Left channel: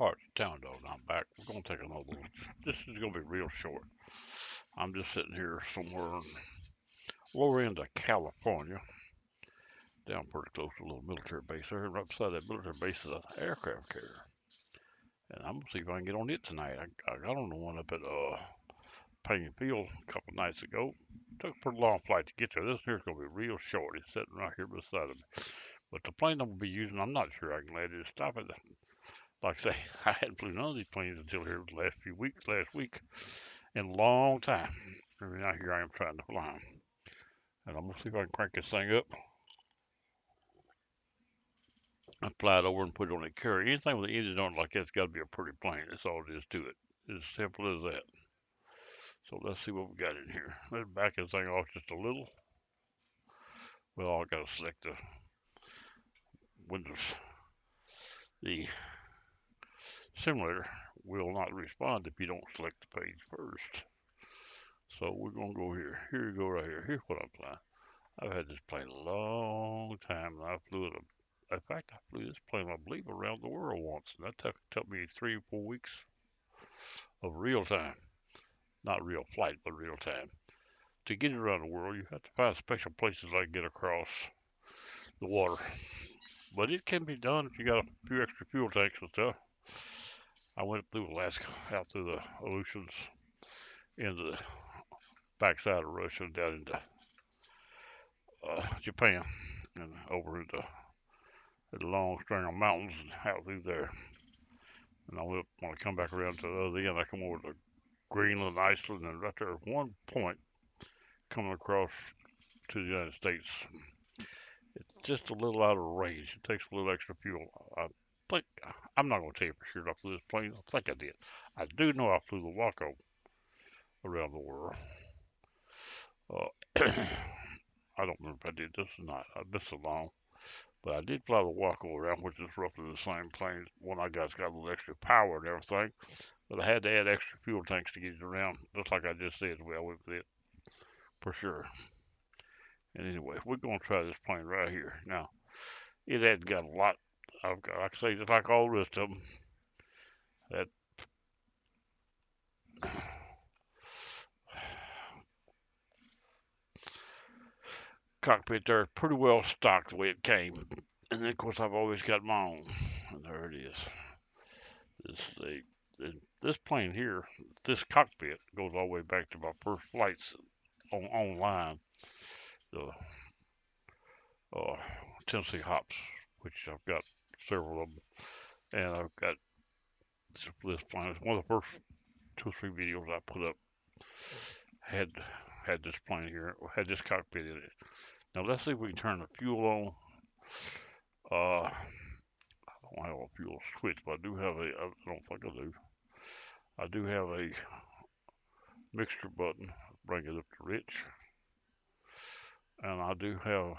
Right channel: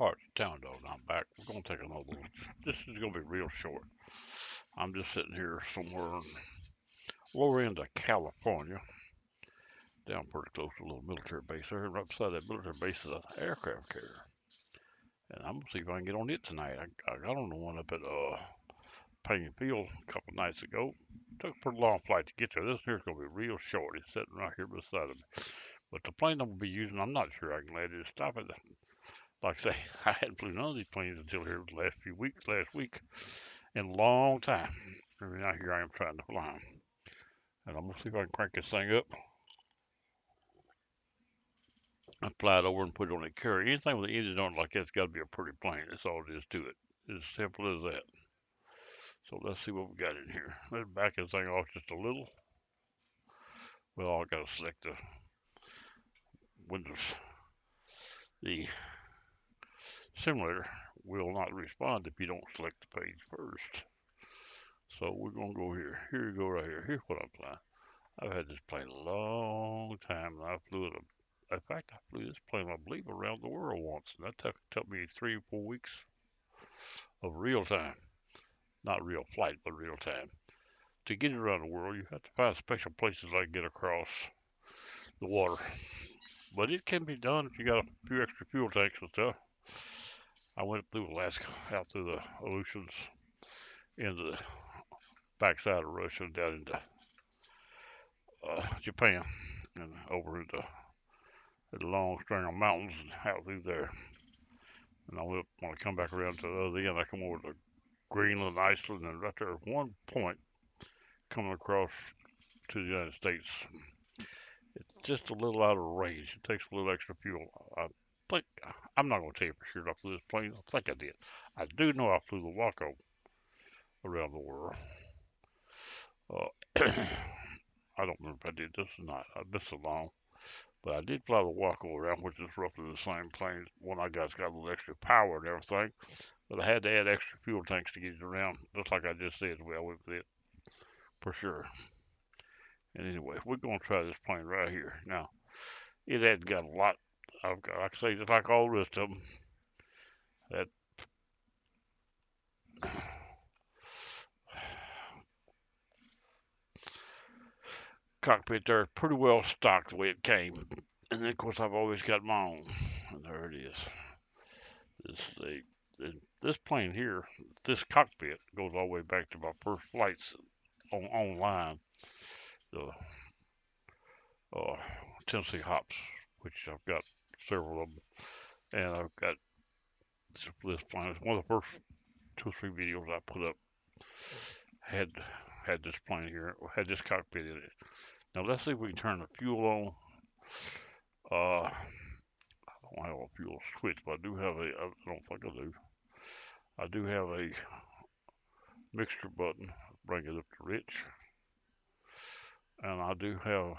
Alright, Town Dog, I'm back. We're gonna take another one. This is gonna be real short. I'm just sitting here somewhere in lower end of California, down pretty close to a little military base there. Right beside that military base is an aircraft carrier. And I'm gonna see if I can get on it tonight. I got on the one up at Payne Field a couple nights ago. Took a pretty long flight to get there. This here's gonna be real short. It's sitting right here beside of me. But the plane I'm gonna be using, I'm not sure I can land it. Stop it. Like I say, I hadn't flew none of these planes until here the last few weeks, last week, in a long time. And now here I am trying to fly them. And I'm gonna see if I can crank this thing up. I fly it over and put it on a carrier. Anything with the engine on it like that's got to be a pretty plane. That's all it is to it. It's as simple as that. So let's see what we got in here. Let's back this thing off just a little. Well, I gotta select the Windows. The simulator will not respond if you don't select the page first. So we're gonna go here. Here we go right here. Here's what I'm flying. I've had this plane a long time, and I flew it. In fact, I flew this plane, I believe, around the world once, and that took me 3 or 4 weeks of real time. Not real flight, but real time. To get it around the world, you have to find special places like get across the water. But it can be done if you got a few extra fuel tanks and stuff. I went through Alaska, out through the Aleutians, into the backside of Russia, down into Japan, and over into the long string of mountains and out through there. And when I come back around to the other end, I come over to Greenland, Iceland, and right there at one point coming across to the United States. It's just a little out of range. It takes a little extra fuel. I think I'm not going to tell you for sure I flew this plane. I think I did. I do know I flew the Waco around the world. Uh, I don't remember if I did this or not. I've been so long. But I did fly the Waco around, which is roughly the same plane. One I got's got a little extra power and everything. But I had to add extra fuel tanks to get it around, just like I just said. Well, with it, for sure. And anyway, we're going to try this plane right here. Now, it had got a lot. I've got, like I say, just like all the rest of them, that cockpit there is pretty well stocked the way it came. And then, of course, I've always got my own. And there it is. This plane here, this cockpit goes all the way back to my first flights online. The uh, Tennessee Hops, which I've got several of them. And I've got this plane. It's one of the first 2 or 3 videos I put up had this plane here, had this cockpit in it. Now let's see if we can turn the fuel on. I don't have a fuel switch, but I do have a. I don't think I do. I do have a mixture button. Bring it up to rich, and I do have, of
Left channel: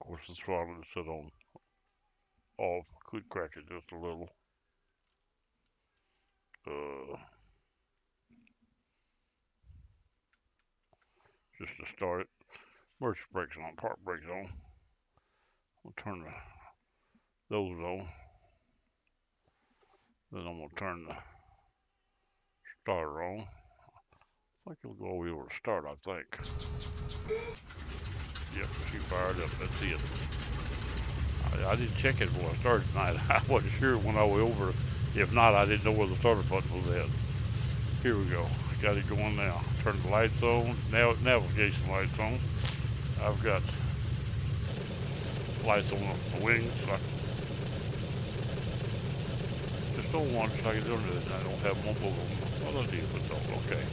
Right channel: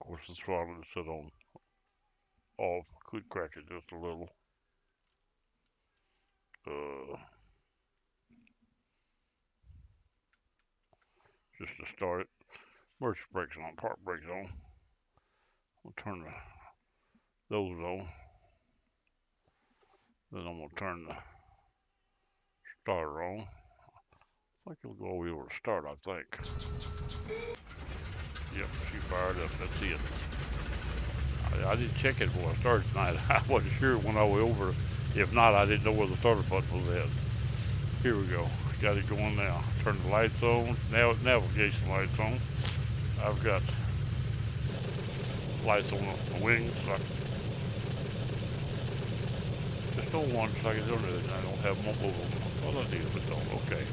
course, the throttle is set on off. I could crack it just a little. Uh, just to start it. Emergency brakes on, park brakes on. We'll turn those on. Then I'm gonna turn the starter on. I think it'll go all the way over to start, I think. Yep, she fired up. That's it. I didn't check it before I started tonight. I wasn't sure when I was over. If not, I didn't know where the starter button was at. Here we go. Got it going now. Turn the lights on. Now navigation lights on. I've got lights on the wings. Just on one so I can do it. And I don't have them on both of them. Well, I did, but don't. Okay.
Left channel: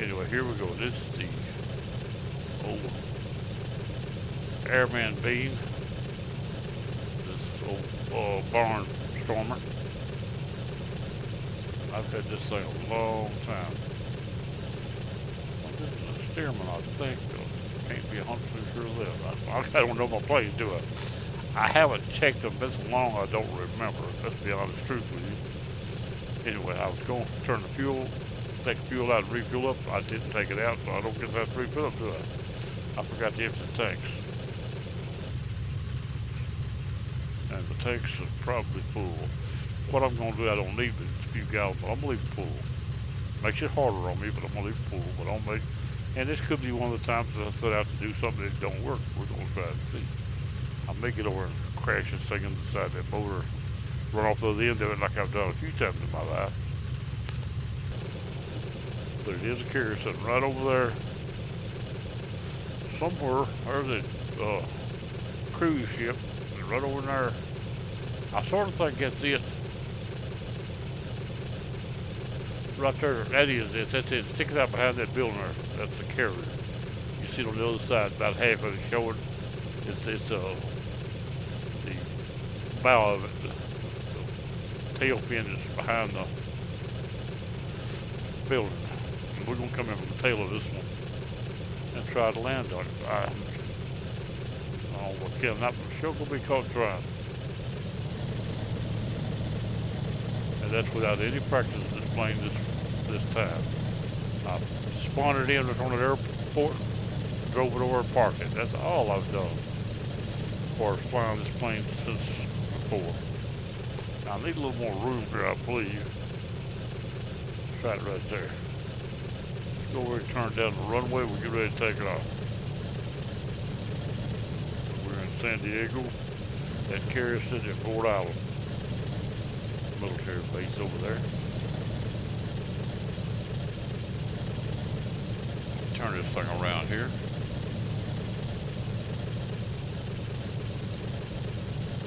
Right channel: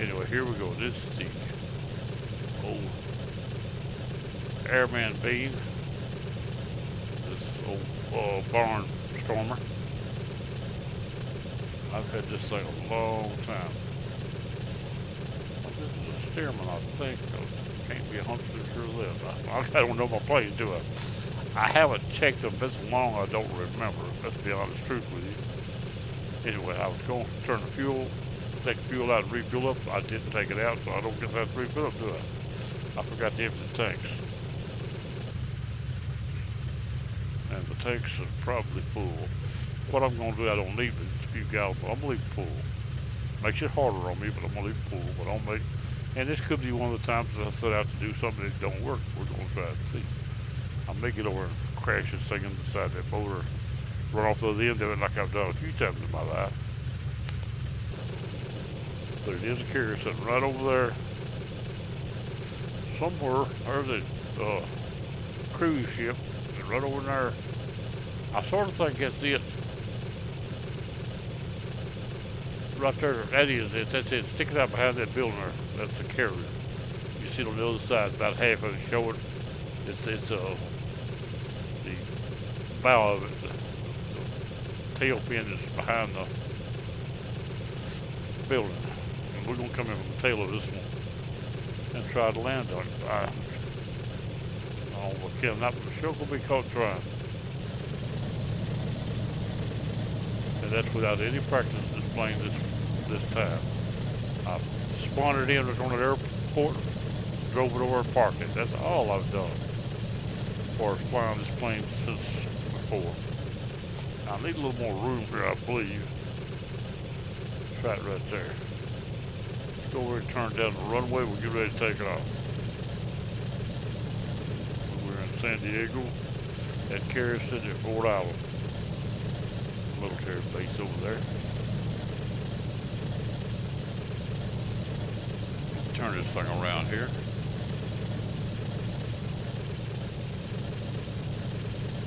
Anyway, here we go. This is the old Airman Bean. This old barn stormer. I've had this thing a long time. Well, this is a Stearman, I think. Can't be 100% sure of that. I don't know my planes, do I? I haven't checked them. Been so long I don't remember. Let's be honest, truth with you. Anyway, I was going to turn the fuel, take the fuel out and refuel up. I didn't take it out, so I don't get that to refill up, do I? I forgot to empty the tanks. And the tanks are probably full. What I'm gonna do, I don't need but a few gallons, but I'm gonna leave it full. Makes it harder on me, but I'm gonna leave it full. But I'll make, and this could be one of the times that I set out to do something that don't work. We're gonna try it and see. I may get over and crash this thing inside that motor, run off the other end of it like I've done a few times in my life. But it is a carrier sitting right over there somewhere. There's a cruise ship right over there. I sort of think that's it. Right there, that is it. That's it. Sticking out behind that building there. That's the carrier. You see it on the other side, about half of it showing. It's the bow of it. The tail fin is behind the building. And we're gonna come in from the tail of this one and try to land on it. I cannot, but sure gonna be caught trying. And that's without any practice displaying this time. I spawned it in on an airport, drove it over and parked it. That's all I've done for flying this plane since before. I need a little more room here, I believe. It's right there. Let's go over and turn down the runway. We'll get ready to take it off. We're in San Diego at Carrier City at Ford Island. Military base over there. Turn this thing around here.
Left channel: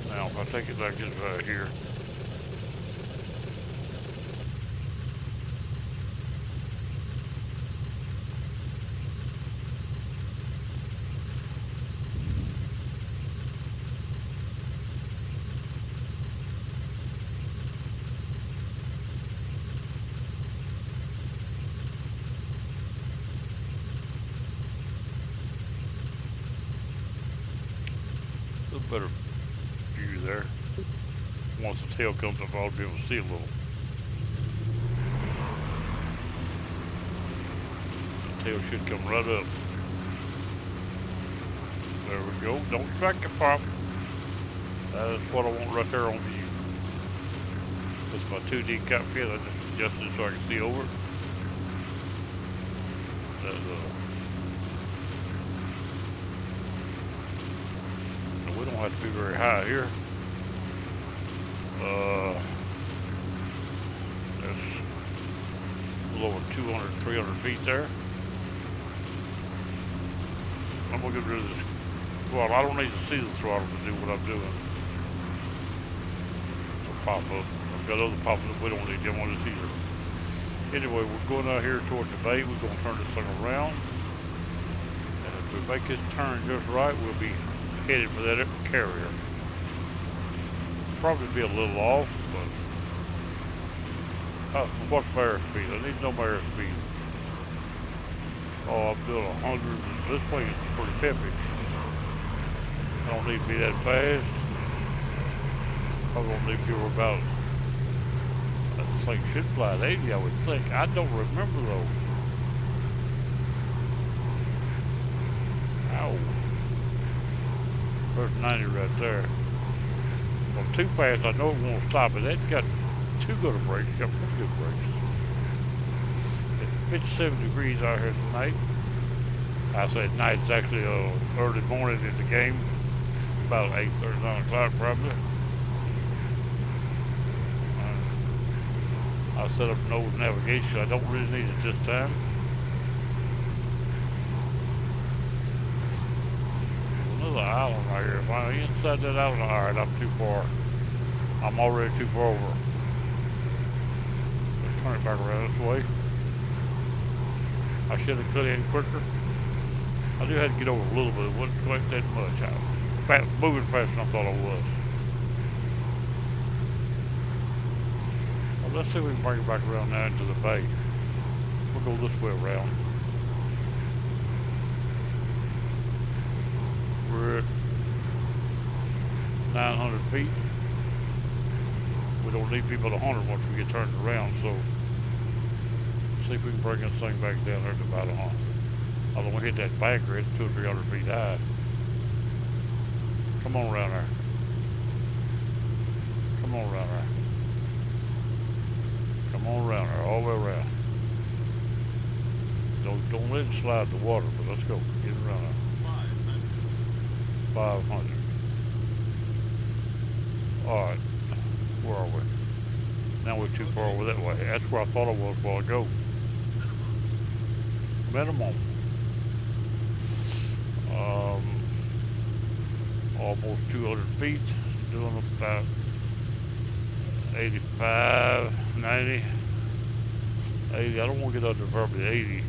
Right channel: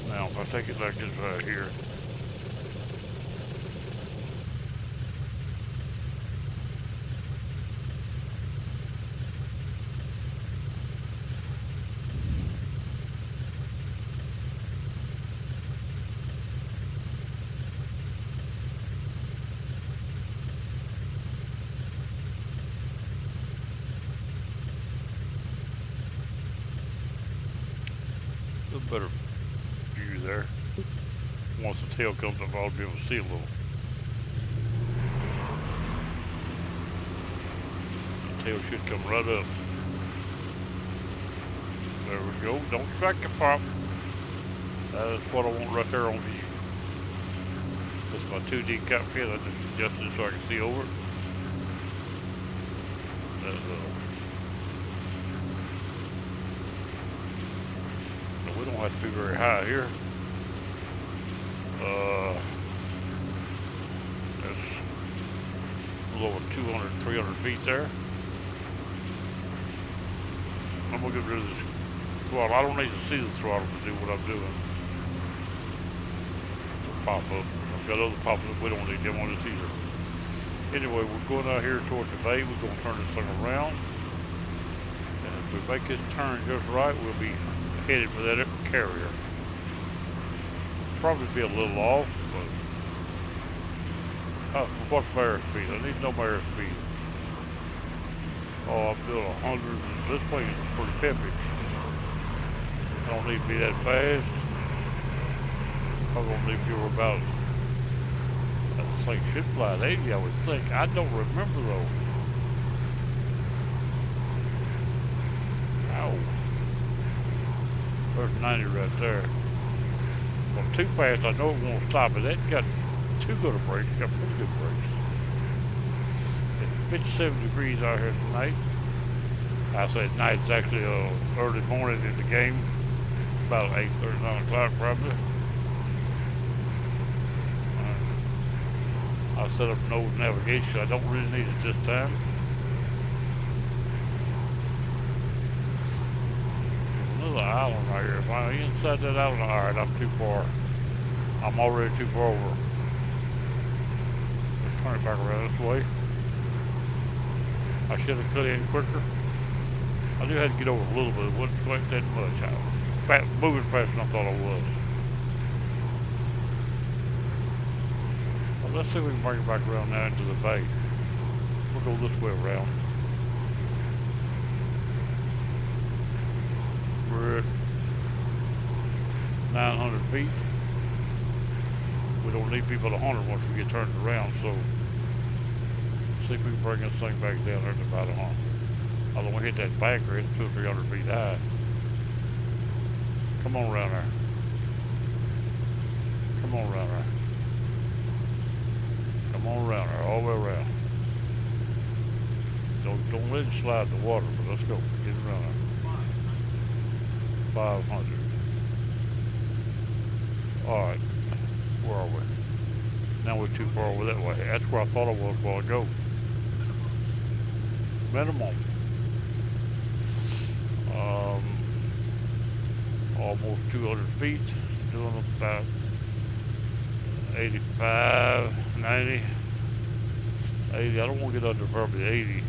Now, if I take it like this right here, a little better view there. Once the tail comes up, I'll be able to see a little. The tail should come right up. There we go. Don't track the pop. That is what I want right there on view. That's my 2D cockpit. I just adjusted it so I can see over it. That's we don't have to be very high here. That's a little over 200, 300 feet there. I'm gonna get rid of this throttle. I don't need to see the throttle to do what I'm doing. It'll pop up. I've got other pop up. We don't need them on this either. Anyway, we're going out here towards the bay. We're gonna turn this thing around. And if we make this turn just right, we'll be headed for that carrier. Probably be a little off, but what's my airspeed? I need to know my airspeed. Oh, I'm doing 100. This plane is pretty peppy. I don't need to be that fast. I'm gonna need to go about. This thing should fly at 80, I would think. I don't remember though. Ow. There's 90 right there. Well, too fast, I know it won't stop it. It's got too good of brakes. It's got pretty good brakes. It's 57 degrees out here tonight. I say at night, it's actually early morning in the game. About 8:30, 9 o'clock probably. I set up an old navigation. I don't really need it this time. There's another island right here. If I'm inside that island, alright, I'm too far. I'm already too far over. Let's turn it back around this way. I should have cut in quicker. I do have to get over a little bit. It wasn't quite that much. I was moving faster than I thought I was. Well, let's see if we can bring it back around now into the bay. We'll go this way around. We're at 900 feet. We don't need people at 100 once we get turned around, so see if we can bring this thing back down there to about 100. I don't want to hit that banker. It's 200 or 300 feet high. Come on around there. Come on around there. Come on around there, all the way around. Don't let it slide in the water, but let's go. Get it around there. 500. Alright, where are we? Now we're too far over that way. That's where I thought I was a while ago. Minimum. Almost 200 feet. Doing about 85, 90, 80. I don't want to get under probably 80.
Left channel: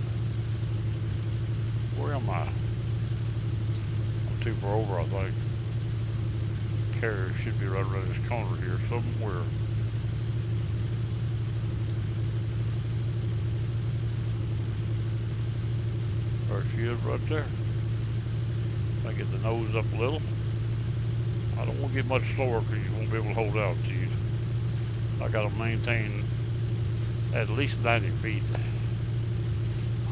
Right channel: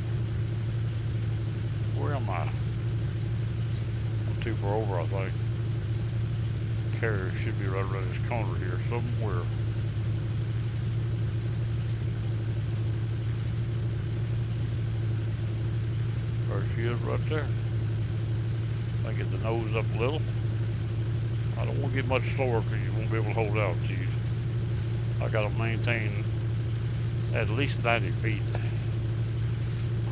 Where am I? I'm too far over, I think. Carrier should be right around this corner here somewhere. There she is right there. I get the nose up a little. I don't want to get much slower because you won't be able to hold altitude. I got to maintain at least 90 feet.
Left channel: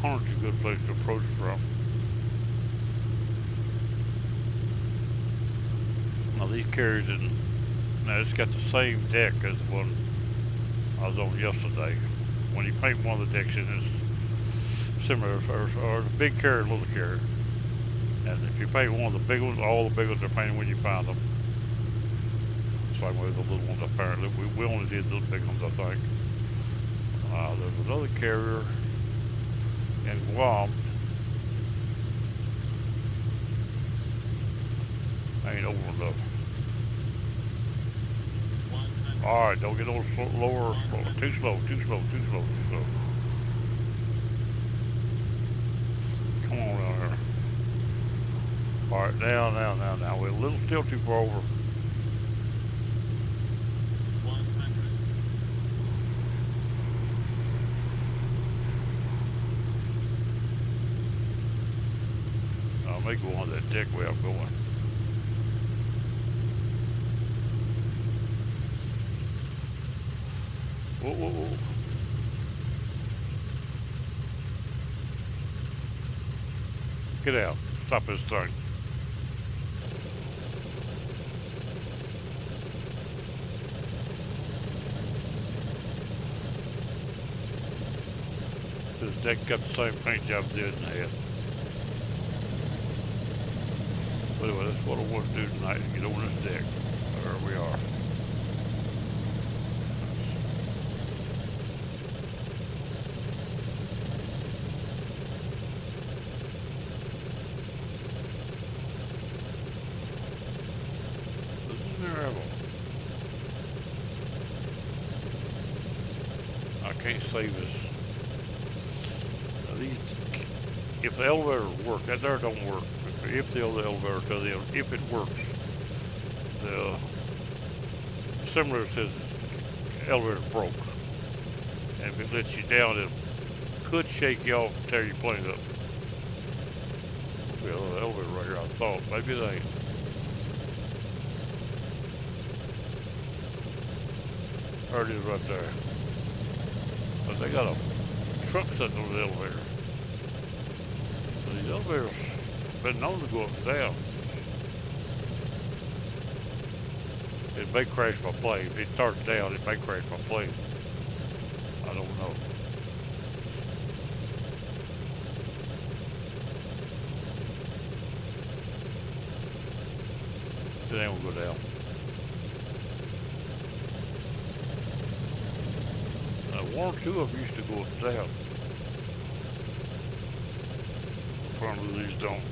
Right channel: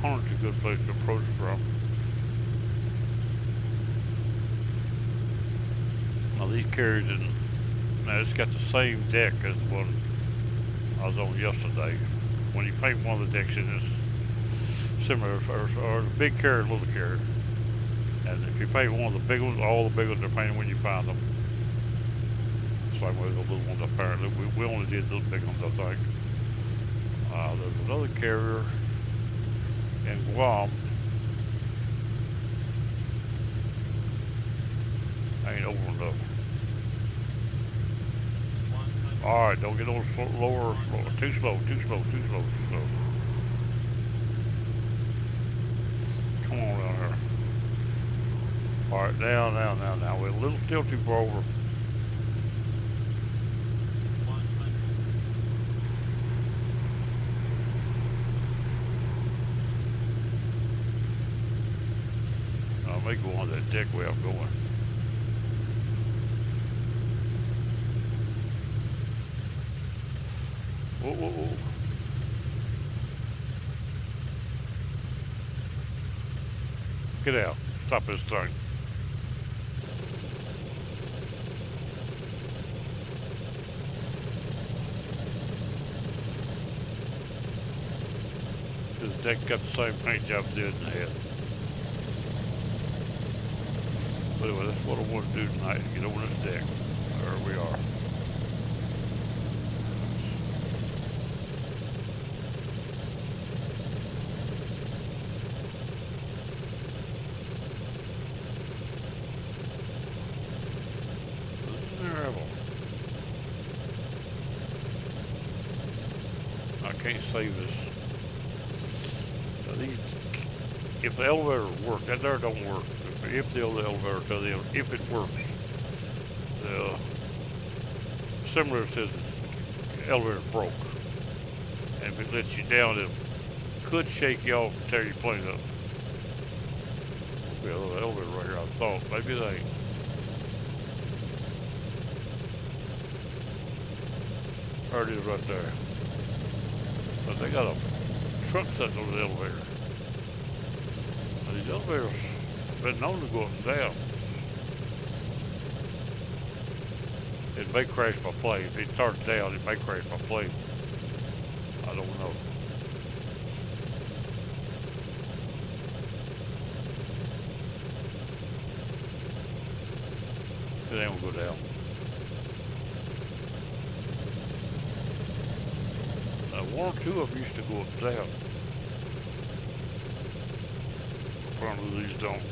100's a good place to approach from. Now these carriers, now it's got the same deck as the one I was on yesterday. When you paint one of the decks in, it's similar, or the big carrier, little carrier. And if you paint one of the big ones, all the big ones are painted when you find them. Same way the little ones apparently. We only did the big ones, I think. There's another carrier in Guam. Ain't over enough. Alright, don't get no lower, too slow. Come on down here. Alright, now. We're a little still too far over. I may go on that deck where I'm going. Whoa. Get out. Stop this thing. This deck got the same paint job it did in the head. But anyway, that's what I want to do tonight, is get over this deck. There we are. This is terrible. I can't save this. Now these, if the elevator works, that there don't work. If the elevator does, if it works, the simulator says the elevator broke, and if it lets you down, it could shake you off and tear your plane up. There'll be another elevator right here. I thought maybe it ain't. There it is right there. But they got a truck sitting on the elevator. Now these elevators been known to go up and down. It may crash my plane. If it starts down, it may crash my plane. I don't know. It ain't gonna go down. Now, one or two of them used to go up and down. Apparently these don't.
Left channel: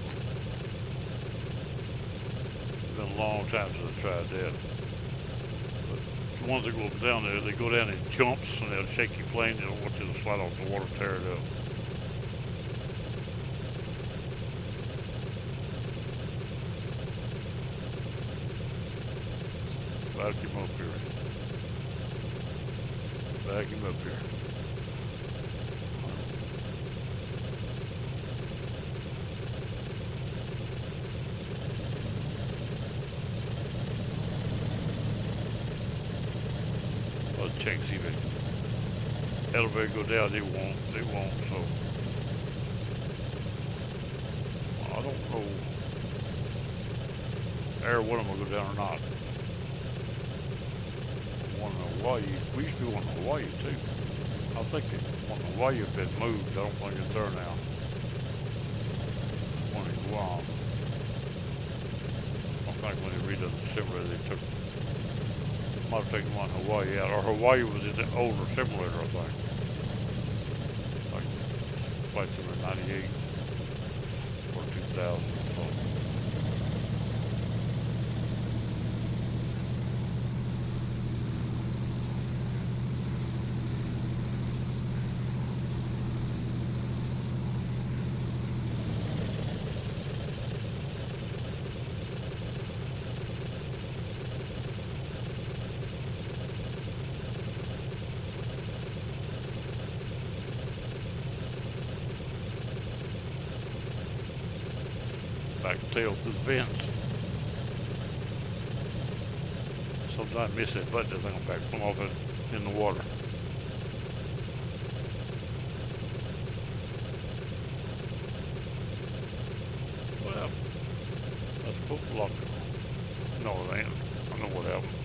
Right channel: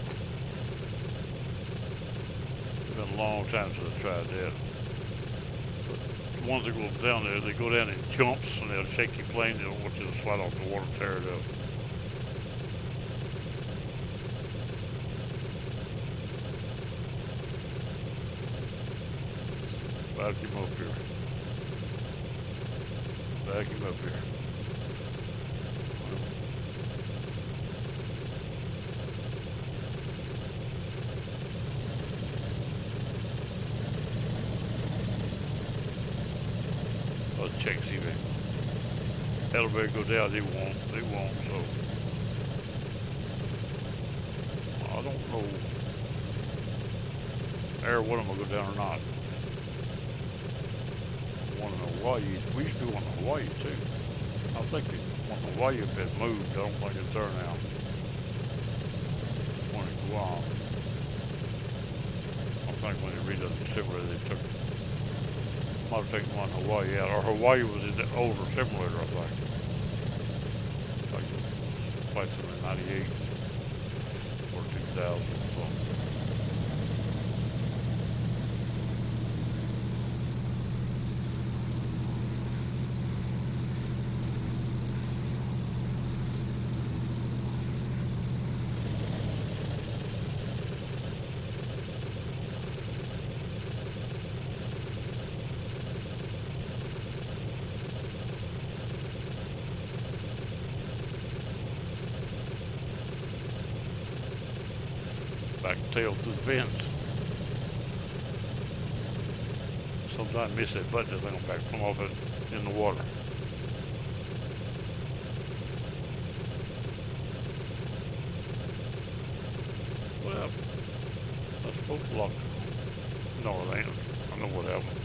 It's been a long time since I tried that. But the ones that go up and down there, they go down in jumps and they'll shake your plane. They'll want you to slide off the water and tear it up. Vacuum up here. Vacuum up here. Let's check, see if the elevator go down. It won't, so I don't know Air one of them will go down or not. I want to know Hawaii. We used to be going to Hawaii too. I think it, when Hawaii had been moved, I don't think it's there now. When it Guam, I think when they redone the simulator, they took, might have taken one Hawaii out, or Hawaii was in the older simulator, I think. Like the Flight Simulator 98 or 2000 or something. Back tail through the vents. Sometimes I miss that button, the thing will back come off it in the water. Well, I supposed to lock it. No, it ain't. I know what happened.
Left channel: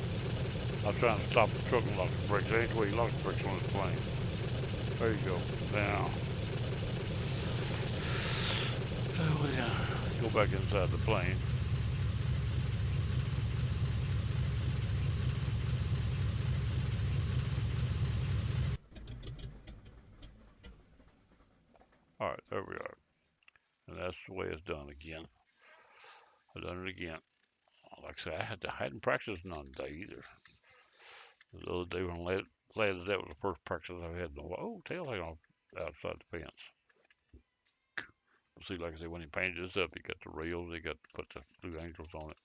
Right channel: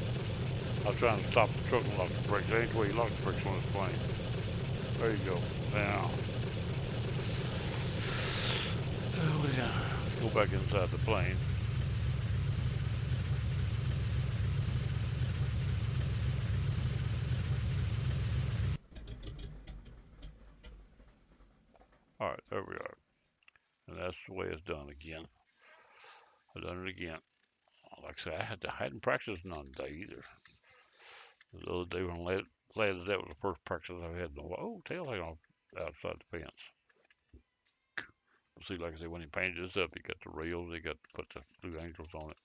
I was trying to stop the truck and lock the brakes. That ain't the way you lock the brakes on this plane. There you go. Now, go back inside the plane. Alright, there we are. And that's the way it's done again. I've done it again. Like I said, I hadn't practiced none today either. The other day when I landed, that was the first practice I've had in a while. Oh, tail hang off outside the fence. See, like I said, when he painted this up, he got the rails, he got to put the Blue Angels on it.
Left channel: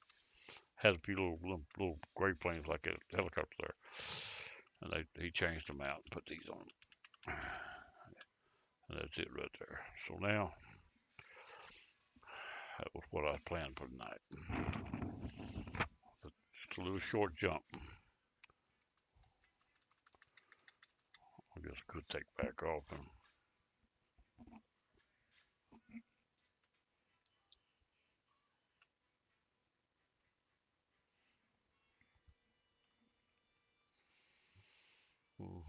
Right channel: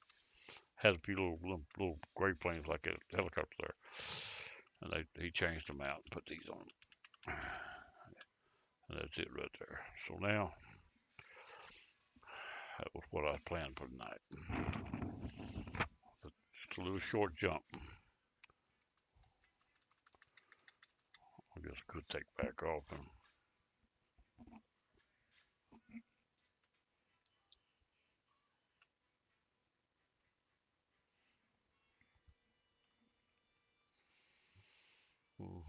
Has a few little gray planes like a helicopter there. And he changed them out and put these on. And that's it right there. So now, that was what I planned for tonight. Just a little short jump. I guess I could take back off and oh.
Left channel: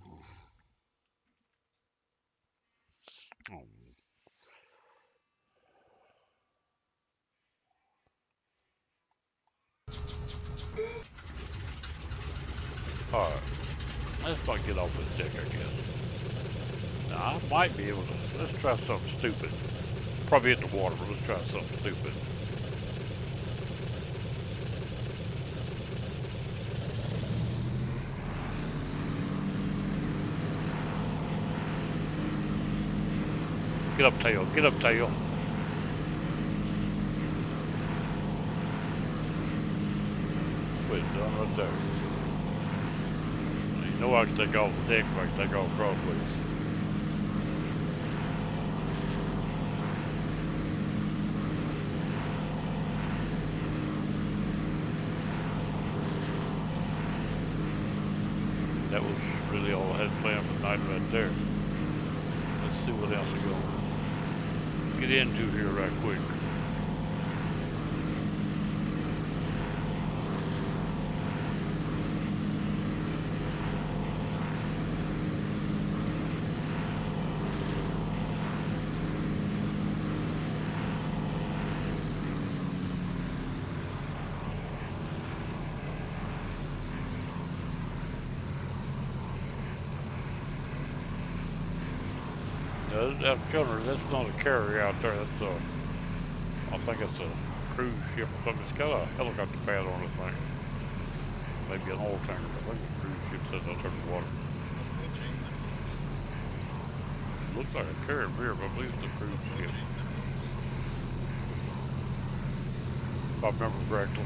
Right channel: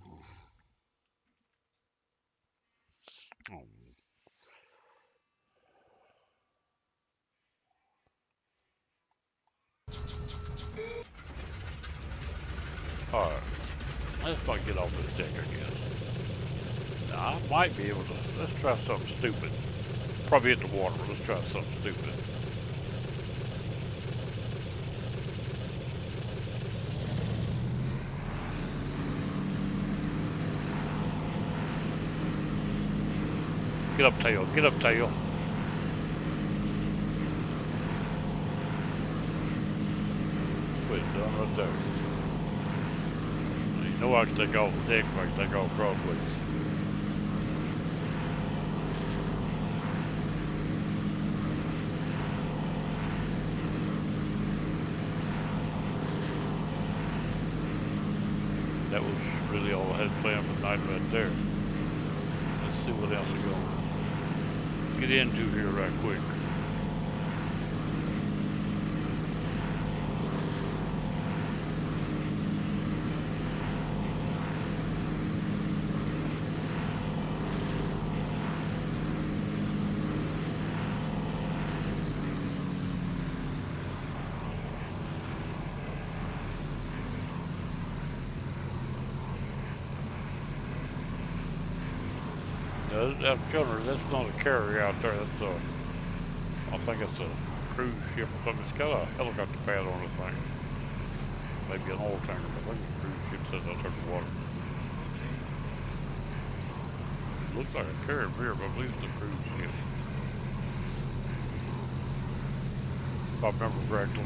Alright, let's not get off this deck, I guess. Now, I might be able to, let's try something stupid. Probably hit the water, but let's try something stupid. Get up, tail, get up, tail. Quit, done right there. You know I can take off the deck if I can take off crossways. That was really all I had planned for the night right there. Let's see what else we're going to get into here right quick. That gunner, that's not a carrier out there. That's I think it's a cruise ship or something. It's got a helicopter pad on this thing. Maybe an oil tanker, but I think the cruise ship says out there in the water. It looks like a carrier here, but I believe it's a cruise ship. If I remember correctly.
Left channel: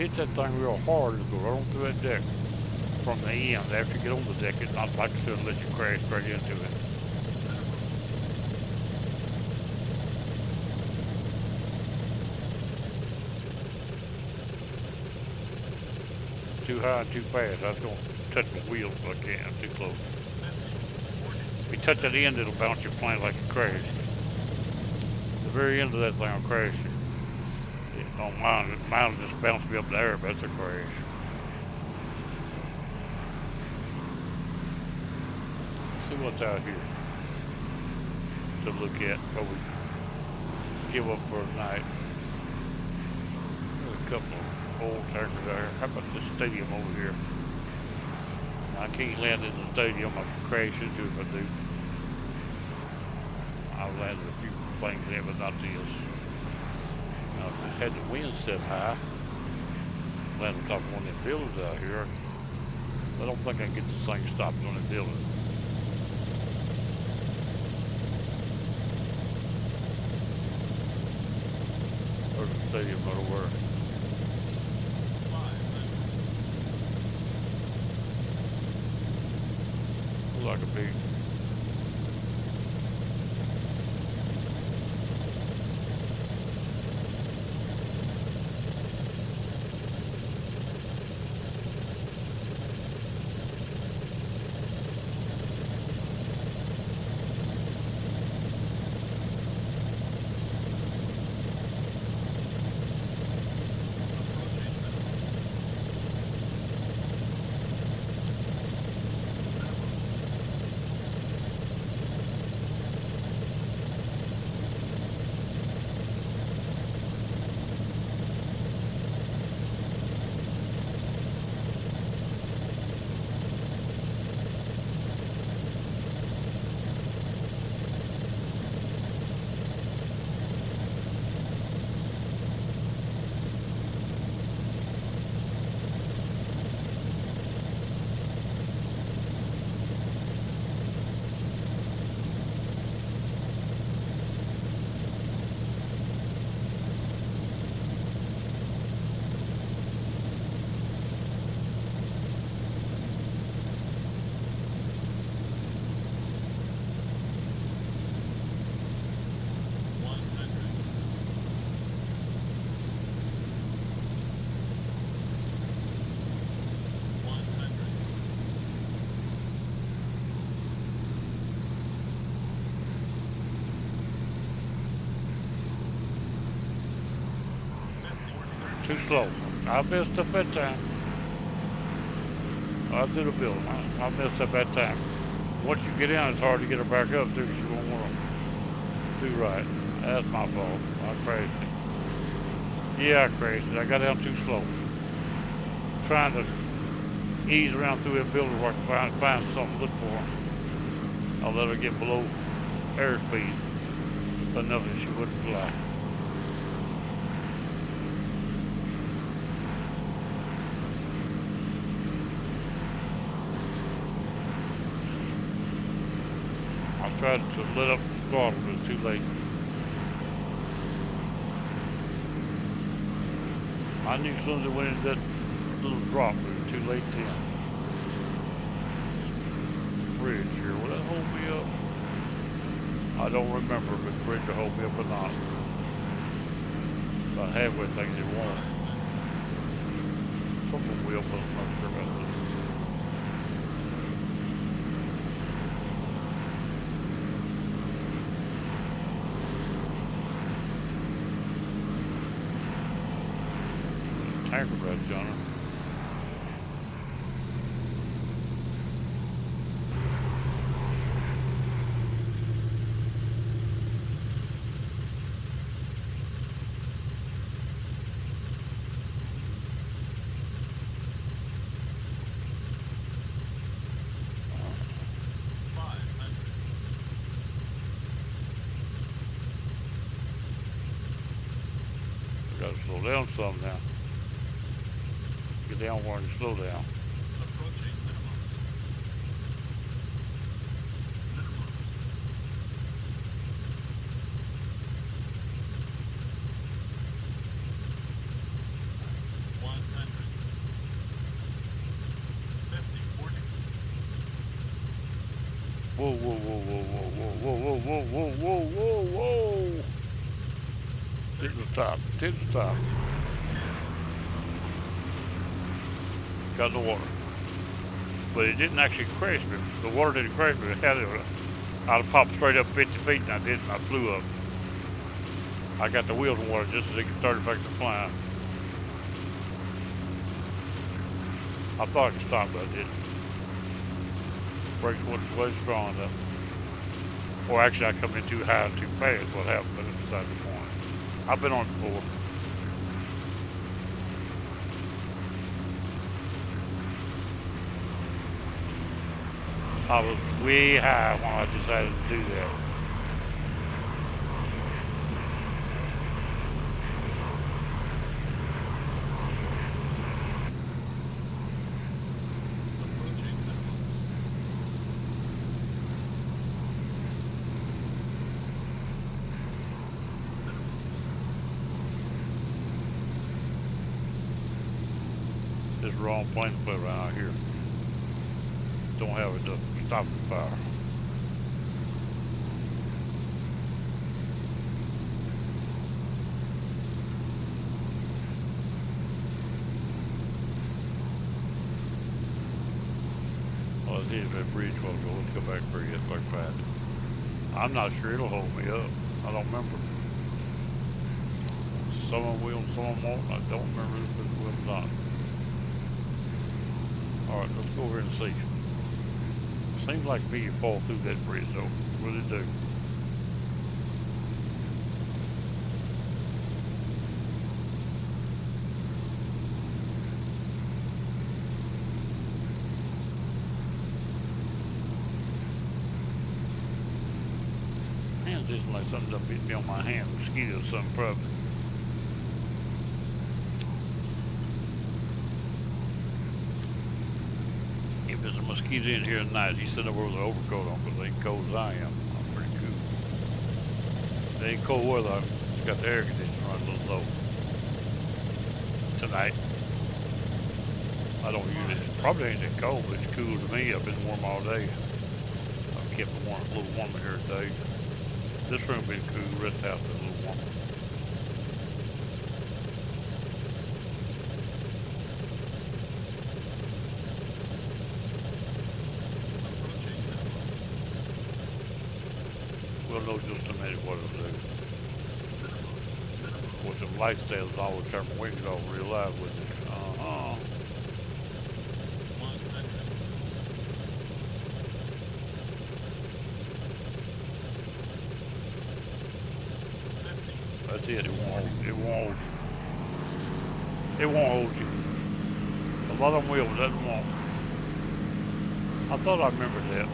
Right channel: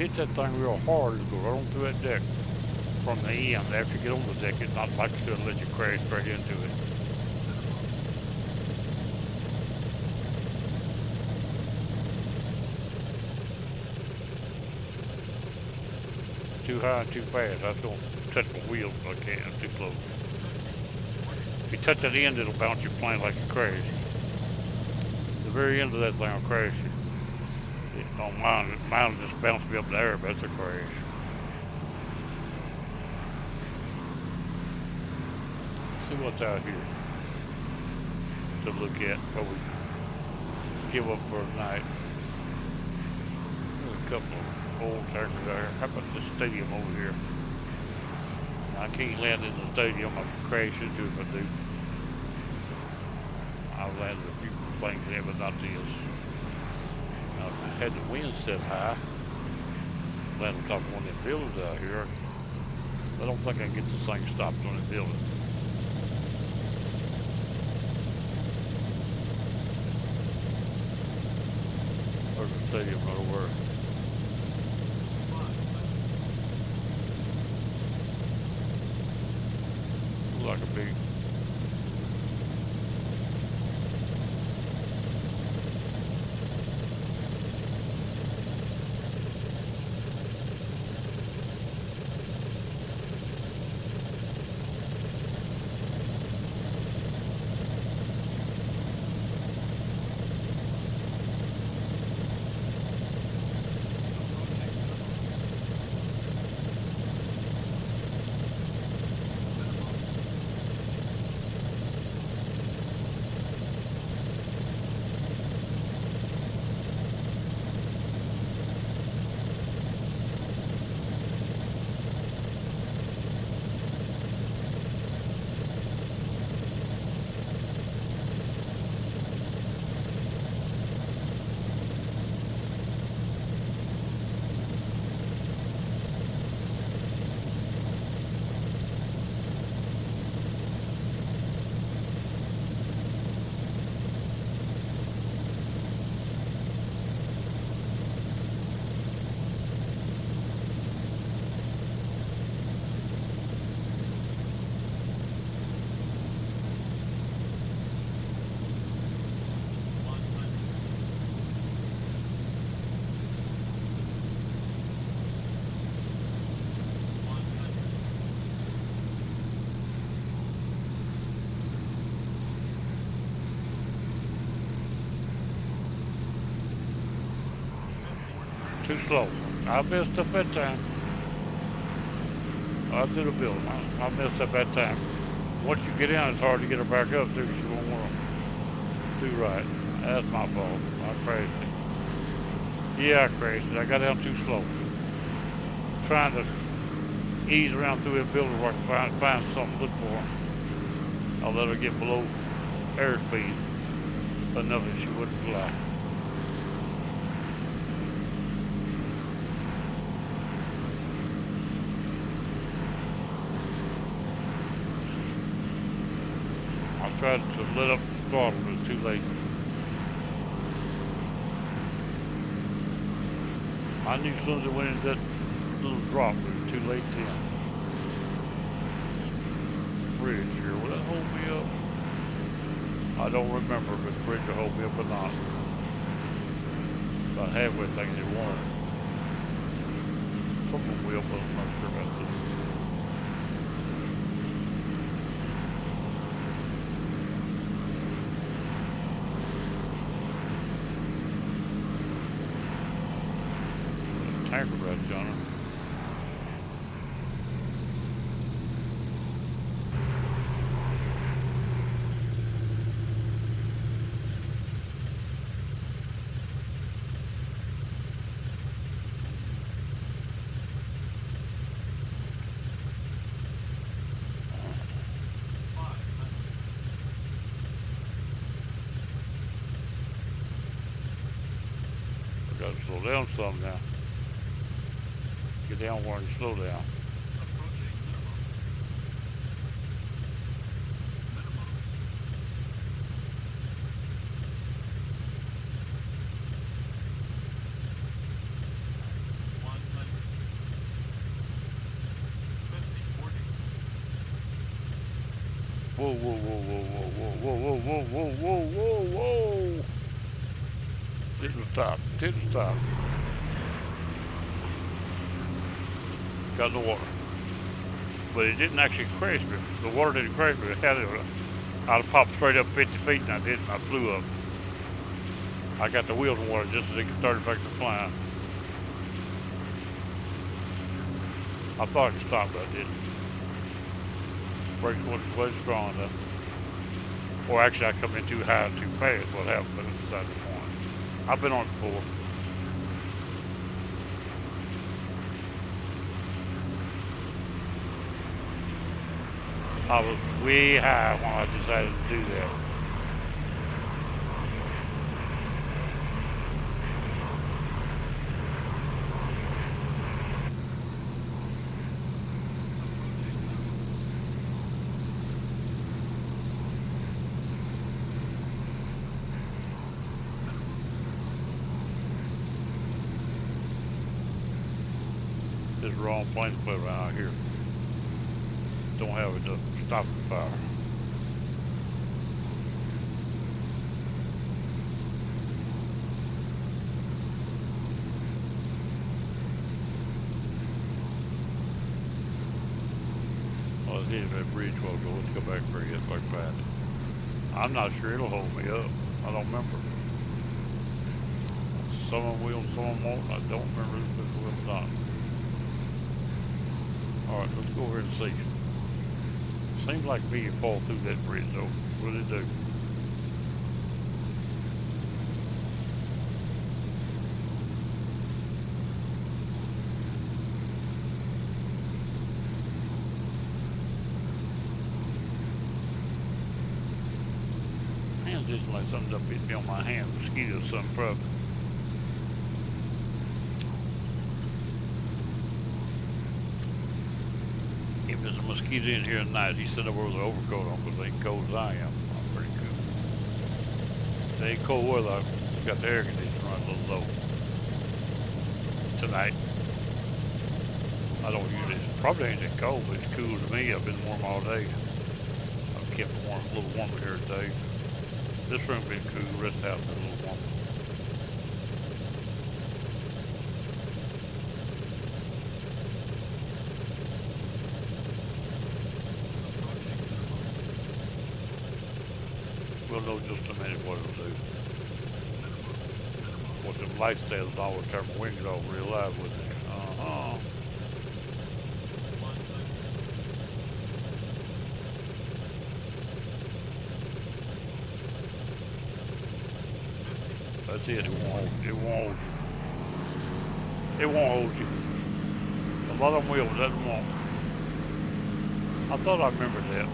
hit that thing real hard, it'll go right on through that deck from the end. After you get on the deck, it's not like it's gonna let you crash straight into it. Too high and too fast. I was gonna touch my wheels, but I can't. I'm too close. If you touch that end, it'll bounce your plane like a crash. The very end of that thing will crash you. On mine just bounced me up in the air, but that's a crash. See what's out here to look at before we give up for the night. There's a couple of old tankers out here. How about this stadium over here? I can't land in the stadium. I can crash into it if I do. I've landed a few things there, but not this. I had the wind set high. Landed on top of one of them buildings out here. I don't think I can get this thing stopped on the building. There's a stadium right over there. Looks like a big too slow. I messed up that time. I through the building. I messed up that time. Once you get in, it's hard to get her back up too. She won't want to do right. That's my fault. I crashed it. Yeah, I crashed it. I got down too slow. Trying to ease around through that building where I can find something good for her. I'll let her get below airspeed enough that she wouldn't fly. I tried to let up the throttle, but it's too late. I knew as soon as it went into that little drop, it was too late then. Bridge here, will that hold me up? I don't remember if the bridge will hold me up or not. About halfway thinking it won't. Someone will, but I'm not sure about this. Tanker badge on her. I gotta slow down some now. Get down where I can slow down. Approaching minimum. Minimum. 100. Whoa, whoa, whoa, whoa, whoa, whoa, whoa, whoa, whoa, whoa, whoa, whoa. Didn't stop. Didn't stop. Got in the water. But it didn't actually crash me. The water didn't crash me. It had it. I'd have popped straight up 50 feet and I didn't. I flew up. I got the wheels in water just as it started back to flying. I thought I could stop, but I didn't. Brakes wasn't strong enough. Or actually, I come in too high and too fast. What happened? But it's beside the point. I've been on it before. I was way high when I decided to do that. This wrong plane to put around out here. Don't have it to stop the fire. Well, let's hit that bridge while ago. Let's go back for it like that. I'm not sure it'll hold me up. I don't remember. Some of them will, some of them won't. I don't remember if it will or not. Alright, let's go over and see. Seems like me you fall through that bridge though. What did it do? Hands just like something up hit me on my hand. Mosquito or something probably. If there's a mosquito in here tonight, he's sitting over with an overcoat on because they ain't cold as I am. I'm pretty cool. They ain't cold weather. You got the air conditioner running a little low. Tonight. I don't use it. Probably ain't that cold, but it's cool to me. I've been warm all day. I've kept it warm, a little warmer here today. This room been cool, the rest of the house been a little warmer. We'll know just a minute what it'll do. With them light stands, I would turn my wings off real live with it. Uh-huh. 100. That's it, it won't hold you. It won't hold you. It won't hold you. A lot of them will, but that won't. I thought I remembered that.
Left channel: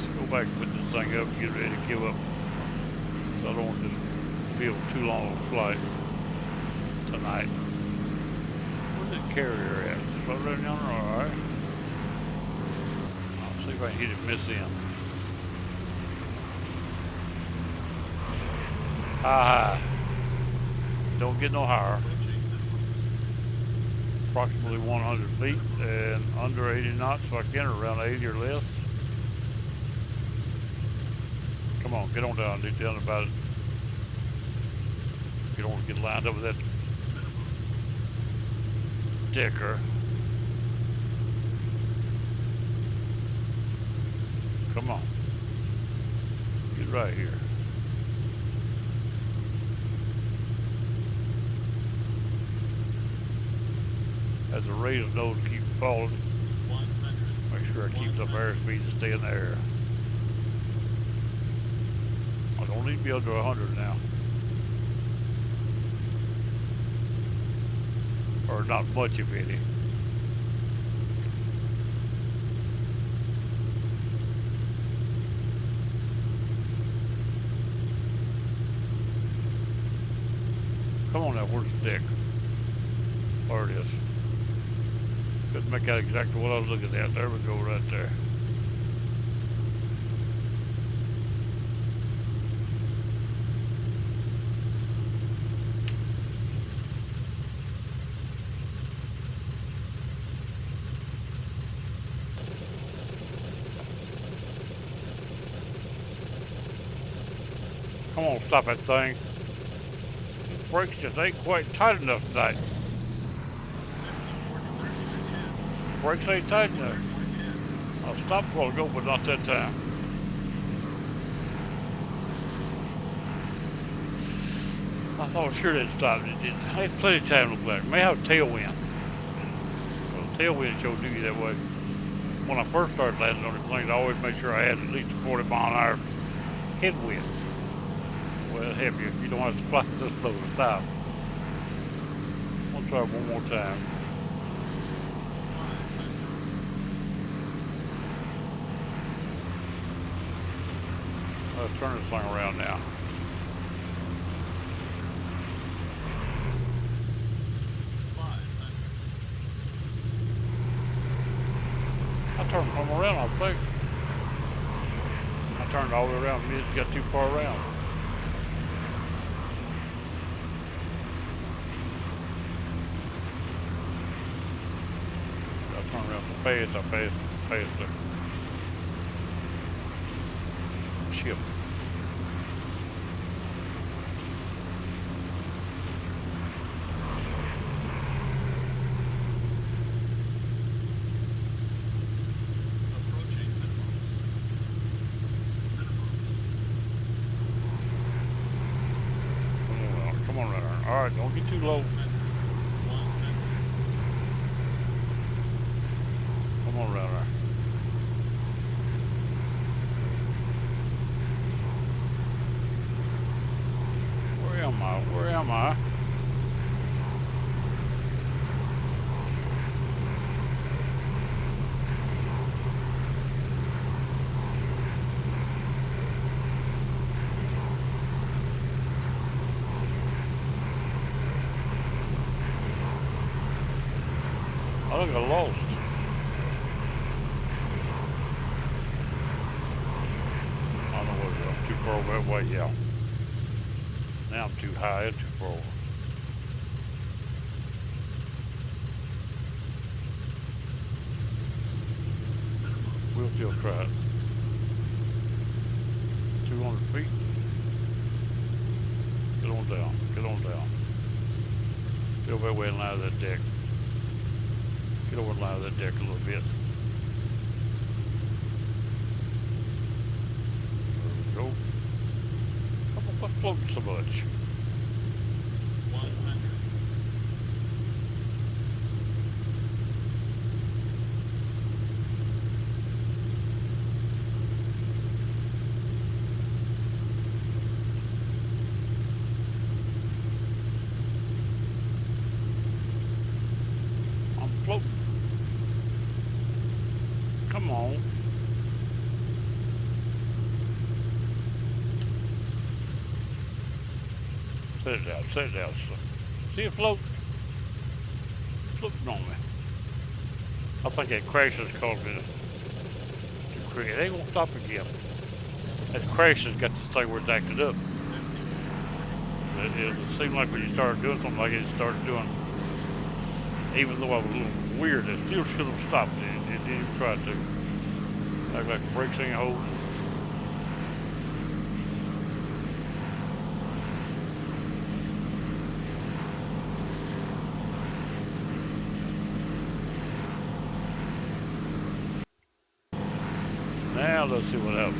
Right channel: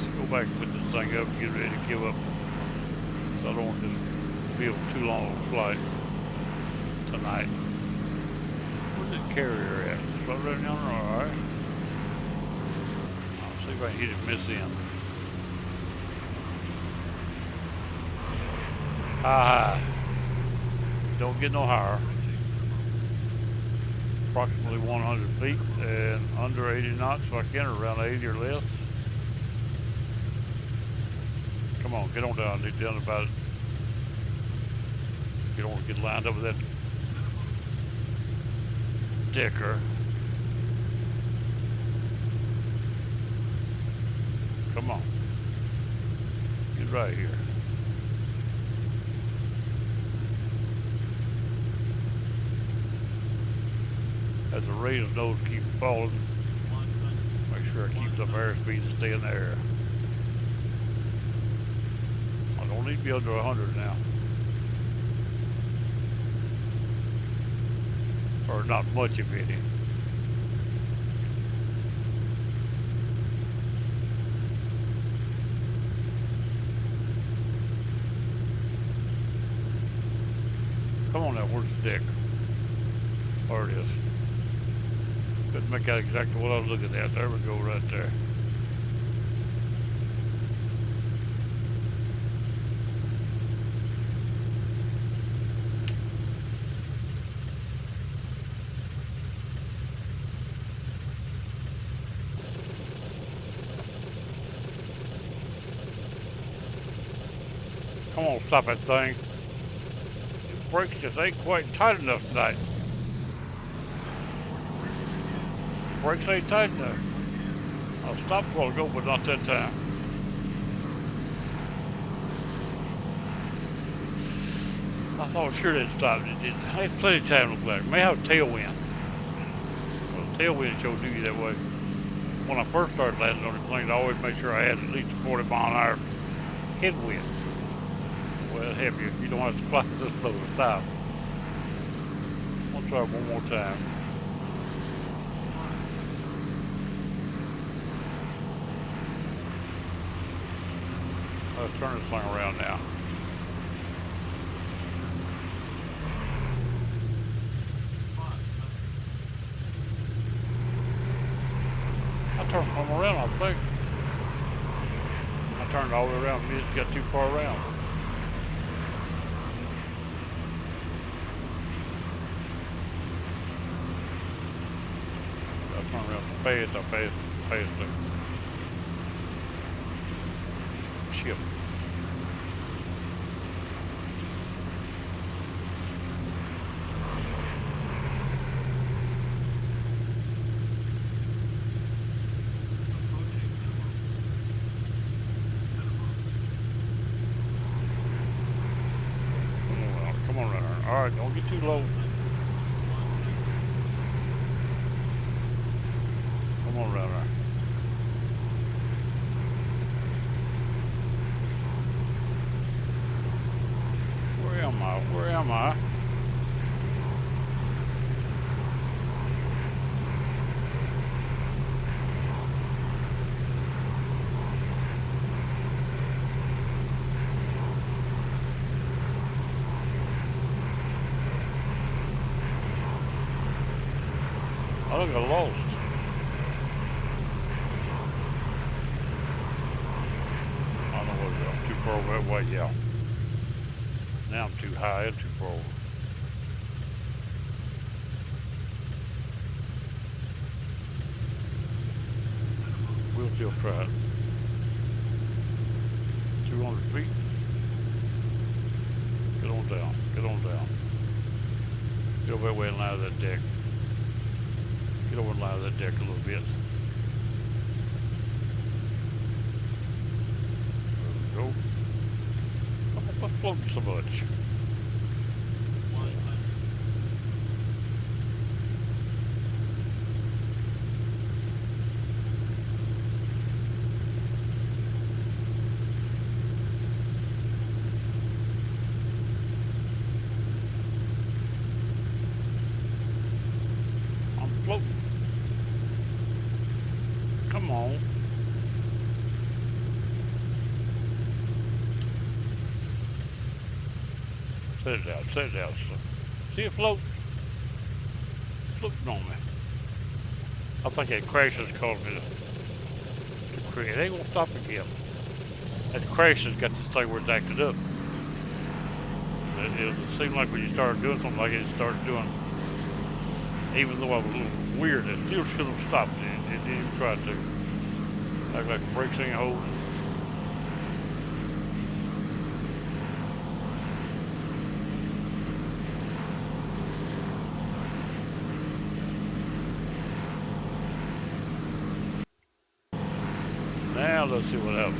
Let's go back and put this thing up and get ready to give up. So I don't want this to be a too long a flight tonight. Where's the carrier at? It's right around yonder, alright. I'll see if I can hit it miss in. High. Don't get no higher. Approximately 100 feet and under 80 knots if I can, or around 80 or less. Come on, get on down. Get down about it. You don't want to get lined up with that decker. Come on. Get right here. As the raised nose keeps falling, 100. make sure I keep up airspeed to stay in the air. I don't need to be under 100 now. Or not much of any. Come on now, where's the deck? There it is. Couldn't make out exactly what I was looking at. There we go, right there. Come on, stop that thing. The brakes just ain't quite tight enough tonight. Brakes ain't tight enough. I'll stop a while ago, but not that time. I thought sure they'd stop. It didn't. I had plenty of time to look like. May have a tailwind. Well, tailwind sure do you that way. When I first started landing on the plane, I always made sure I had at least a 40-mile-an-hour headwind. Well, it'll help you. You don't have to fly this slow to stop. I'll try one more time. Let's turn this thing around now. I turned from around, I think. I turned all the way around. It got too far around. I turned around so fast, I passed the ship. Come on, runner. All right, don't get too low. Come on, runner. Where am I? Where am I? I think I lost. I don't know what it is. I'm too far over that way, yeah. Now I'm too high and too far over. We'll still try it. 200 feet. Get on down. Get on down. Get over that way and line of that deck. Get over and line of that deck a little bit. There we go. What's floating so much? 100. I'm floating. Come on. Set it out, set it out. See it float? Floating on me. I think that crash has caused me to create. It ain't gonna stop again. That crash has got this thing where it's acted up. It seemed like when you started doing something like it started doing, even though I was a little weird, it still should have stopped. It didn't even try to. Act like the brakes ain't holding. Now let's see what happens.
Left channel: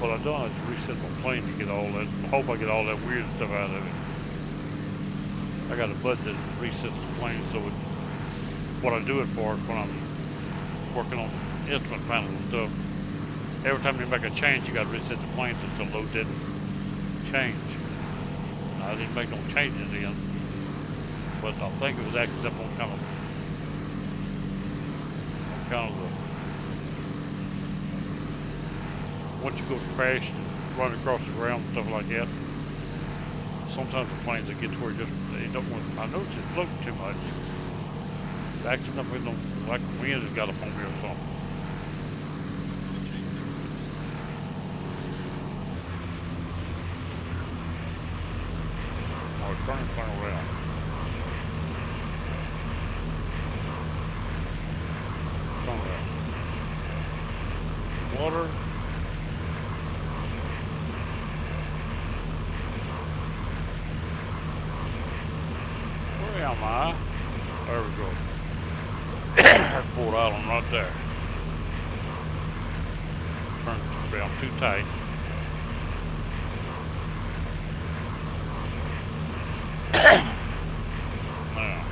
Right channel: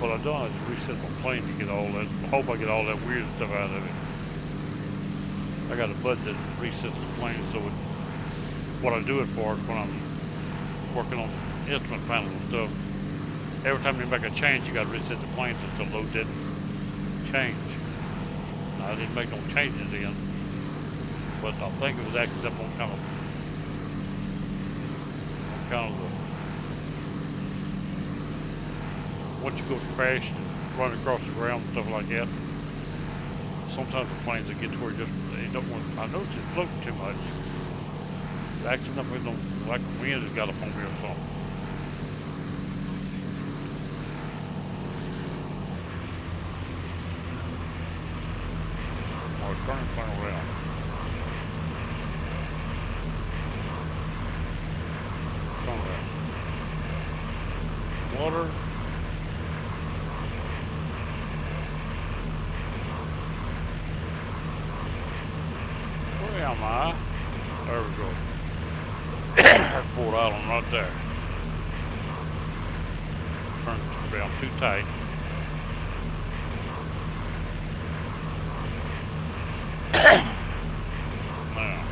What I've done is reset my plane to get all that. I hope I get all that weird stuff out of it. I got a button that resets the plane, so what I do it for is when I'm working on the instrument panel and stuff. Every time you make a change, you got to reset the plane so the load didn't change. Now, I didn't make no changes in, but I think it was acting up on kind of the. Once you go to crash and run across the ground and stuff like that, sometimes the planes that get to where they don't want. I notice it's floating too much. It's acting up with them like the wind has got up on me or something. Oh, it's turning around. Turn around. Water. am I? There we go. That's Ford Island right there. Turned around too tight. Now,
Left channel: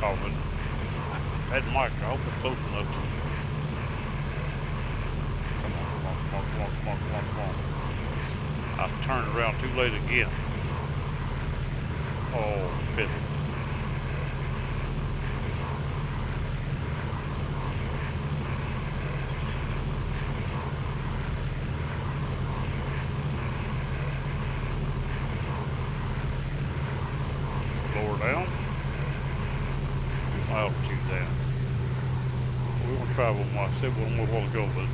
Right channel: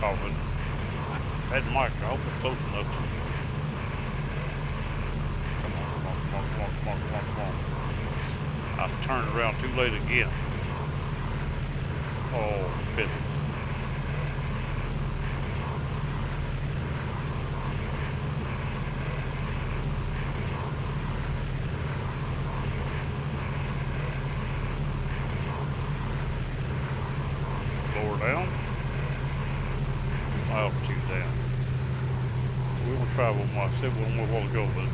coughing. That mic, I hope it's close enough to. Come on. I turned around too late again. Oh, pity. Lower down. Altitude down. We're gonna try one more. I said one more while ago, but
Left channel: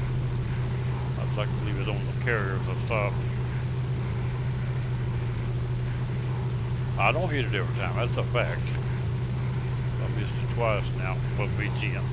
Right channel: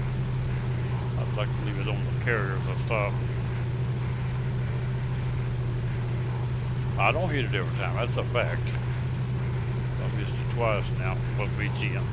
I'd like to leave it on the carrier as I stop. I don't hit it every time, that's a fact. I missed it twice now from BGM.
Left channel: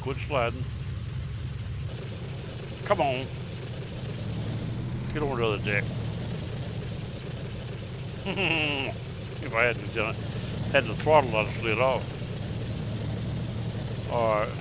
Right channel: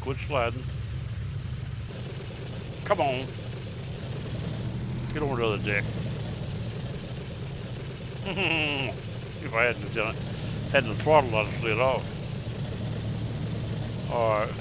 Quit sliding. Come on. Get over to the other deck. If I hadn't done it, had the throttle, I'd have slid off. Alright.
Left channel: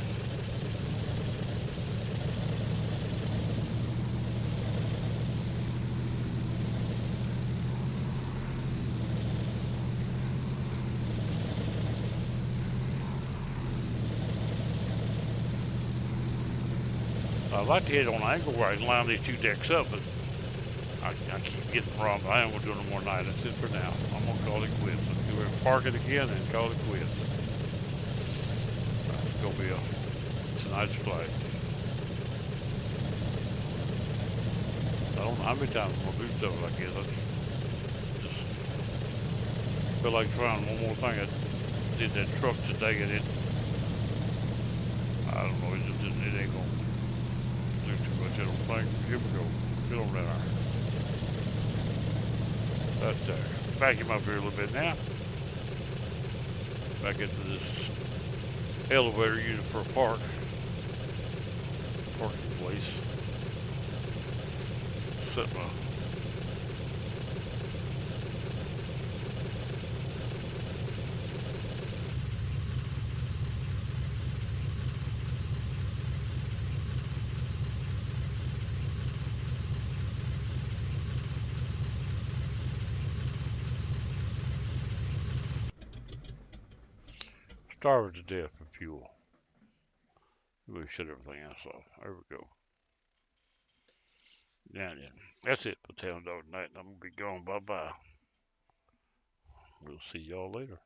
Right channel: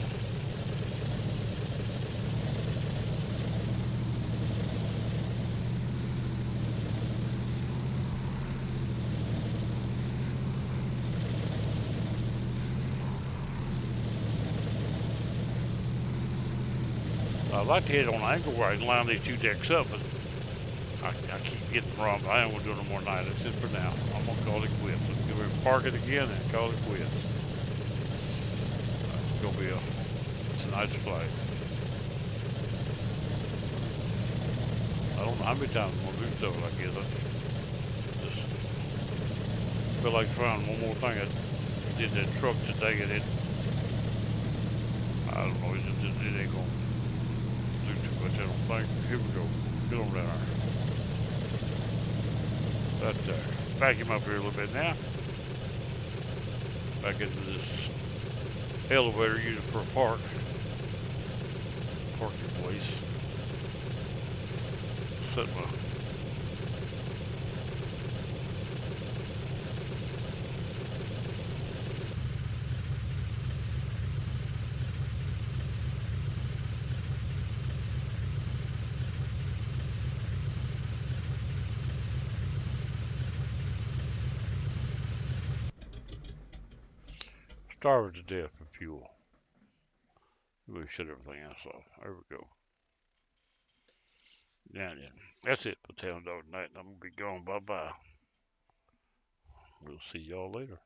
I'd like to hit it on an angle where I can line these two decks up, but I keep getting wrong. But I ain't gonna do no more tonight. That's it for now. I'm gonna call it quits. I'm gonna park it again and call it quits. It's gonna be tonight's flight. I don't know how many times I'm gonna do stuff like this. I just feel like trying one more thing. I did that truck today and I don't know, it ain't gonna do too much, I don't think. Here we go. Get on there. Right there. Vacuum up here a little bit now. Back into this elevator used for a parking place. Set my starving to death for fuel. We shut everything else off. There we go. Yeah, that's it for Town Dog Night. I'm gonna be gone. Bye bye. We'll see y'all later.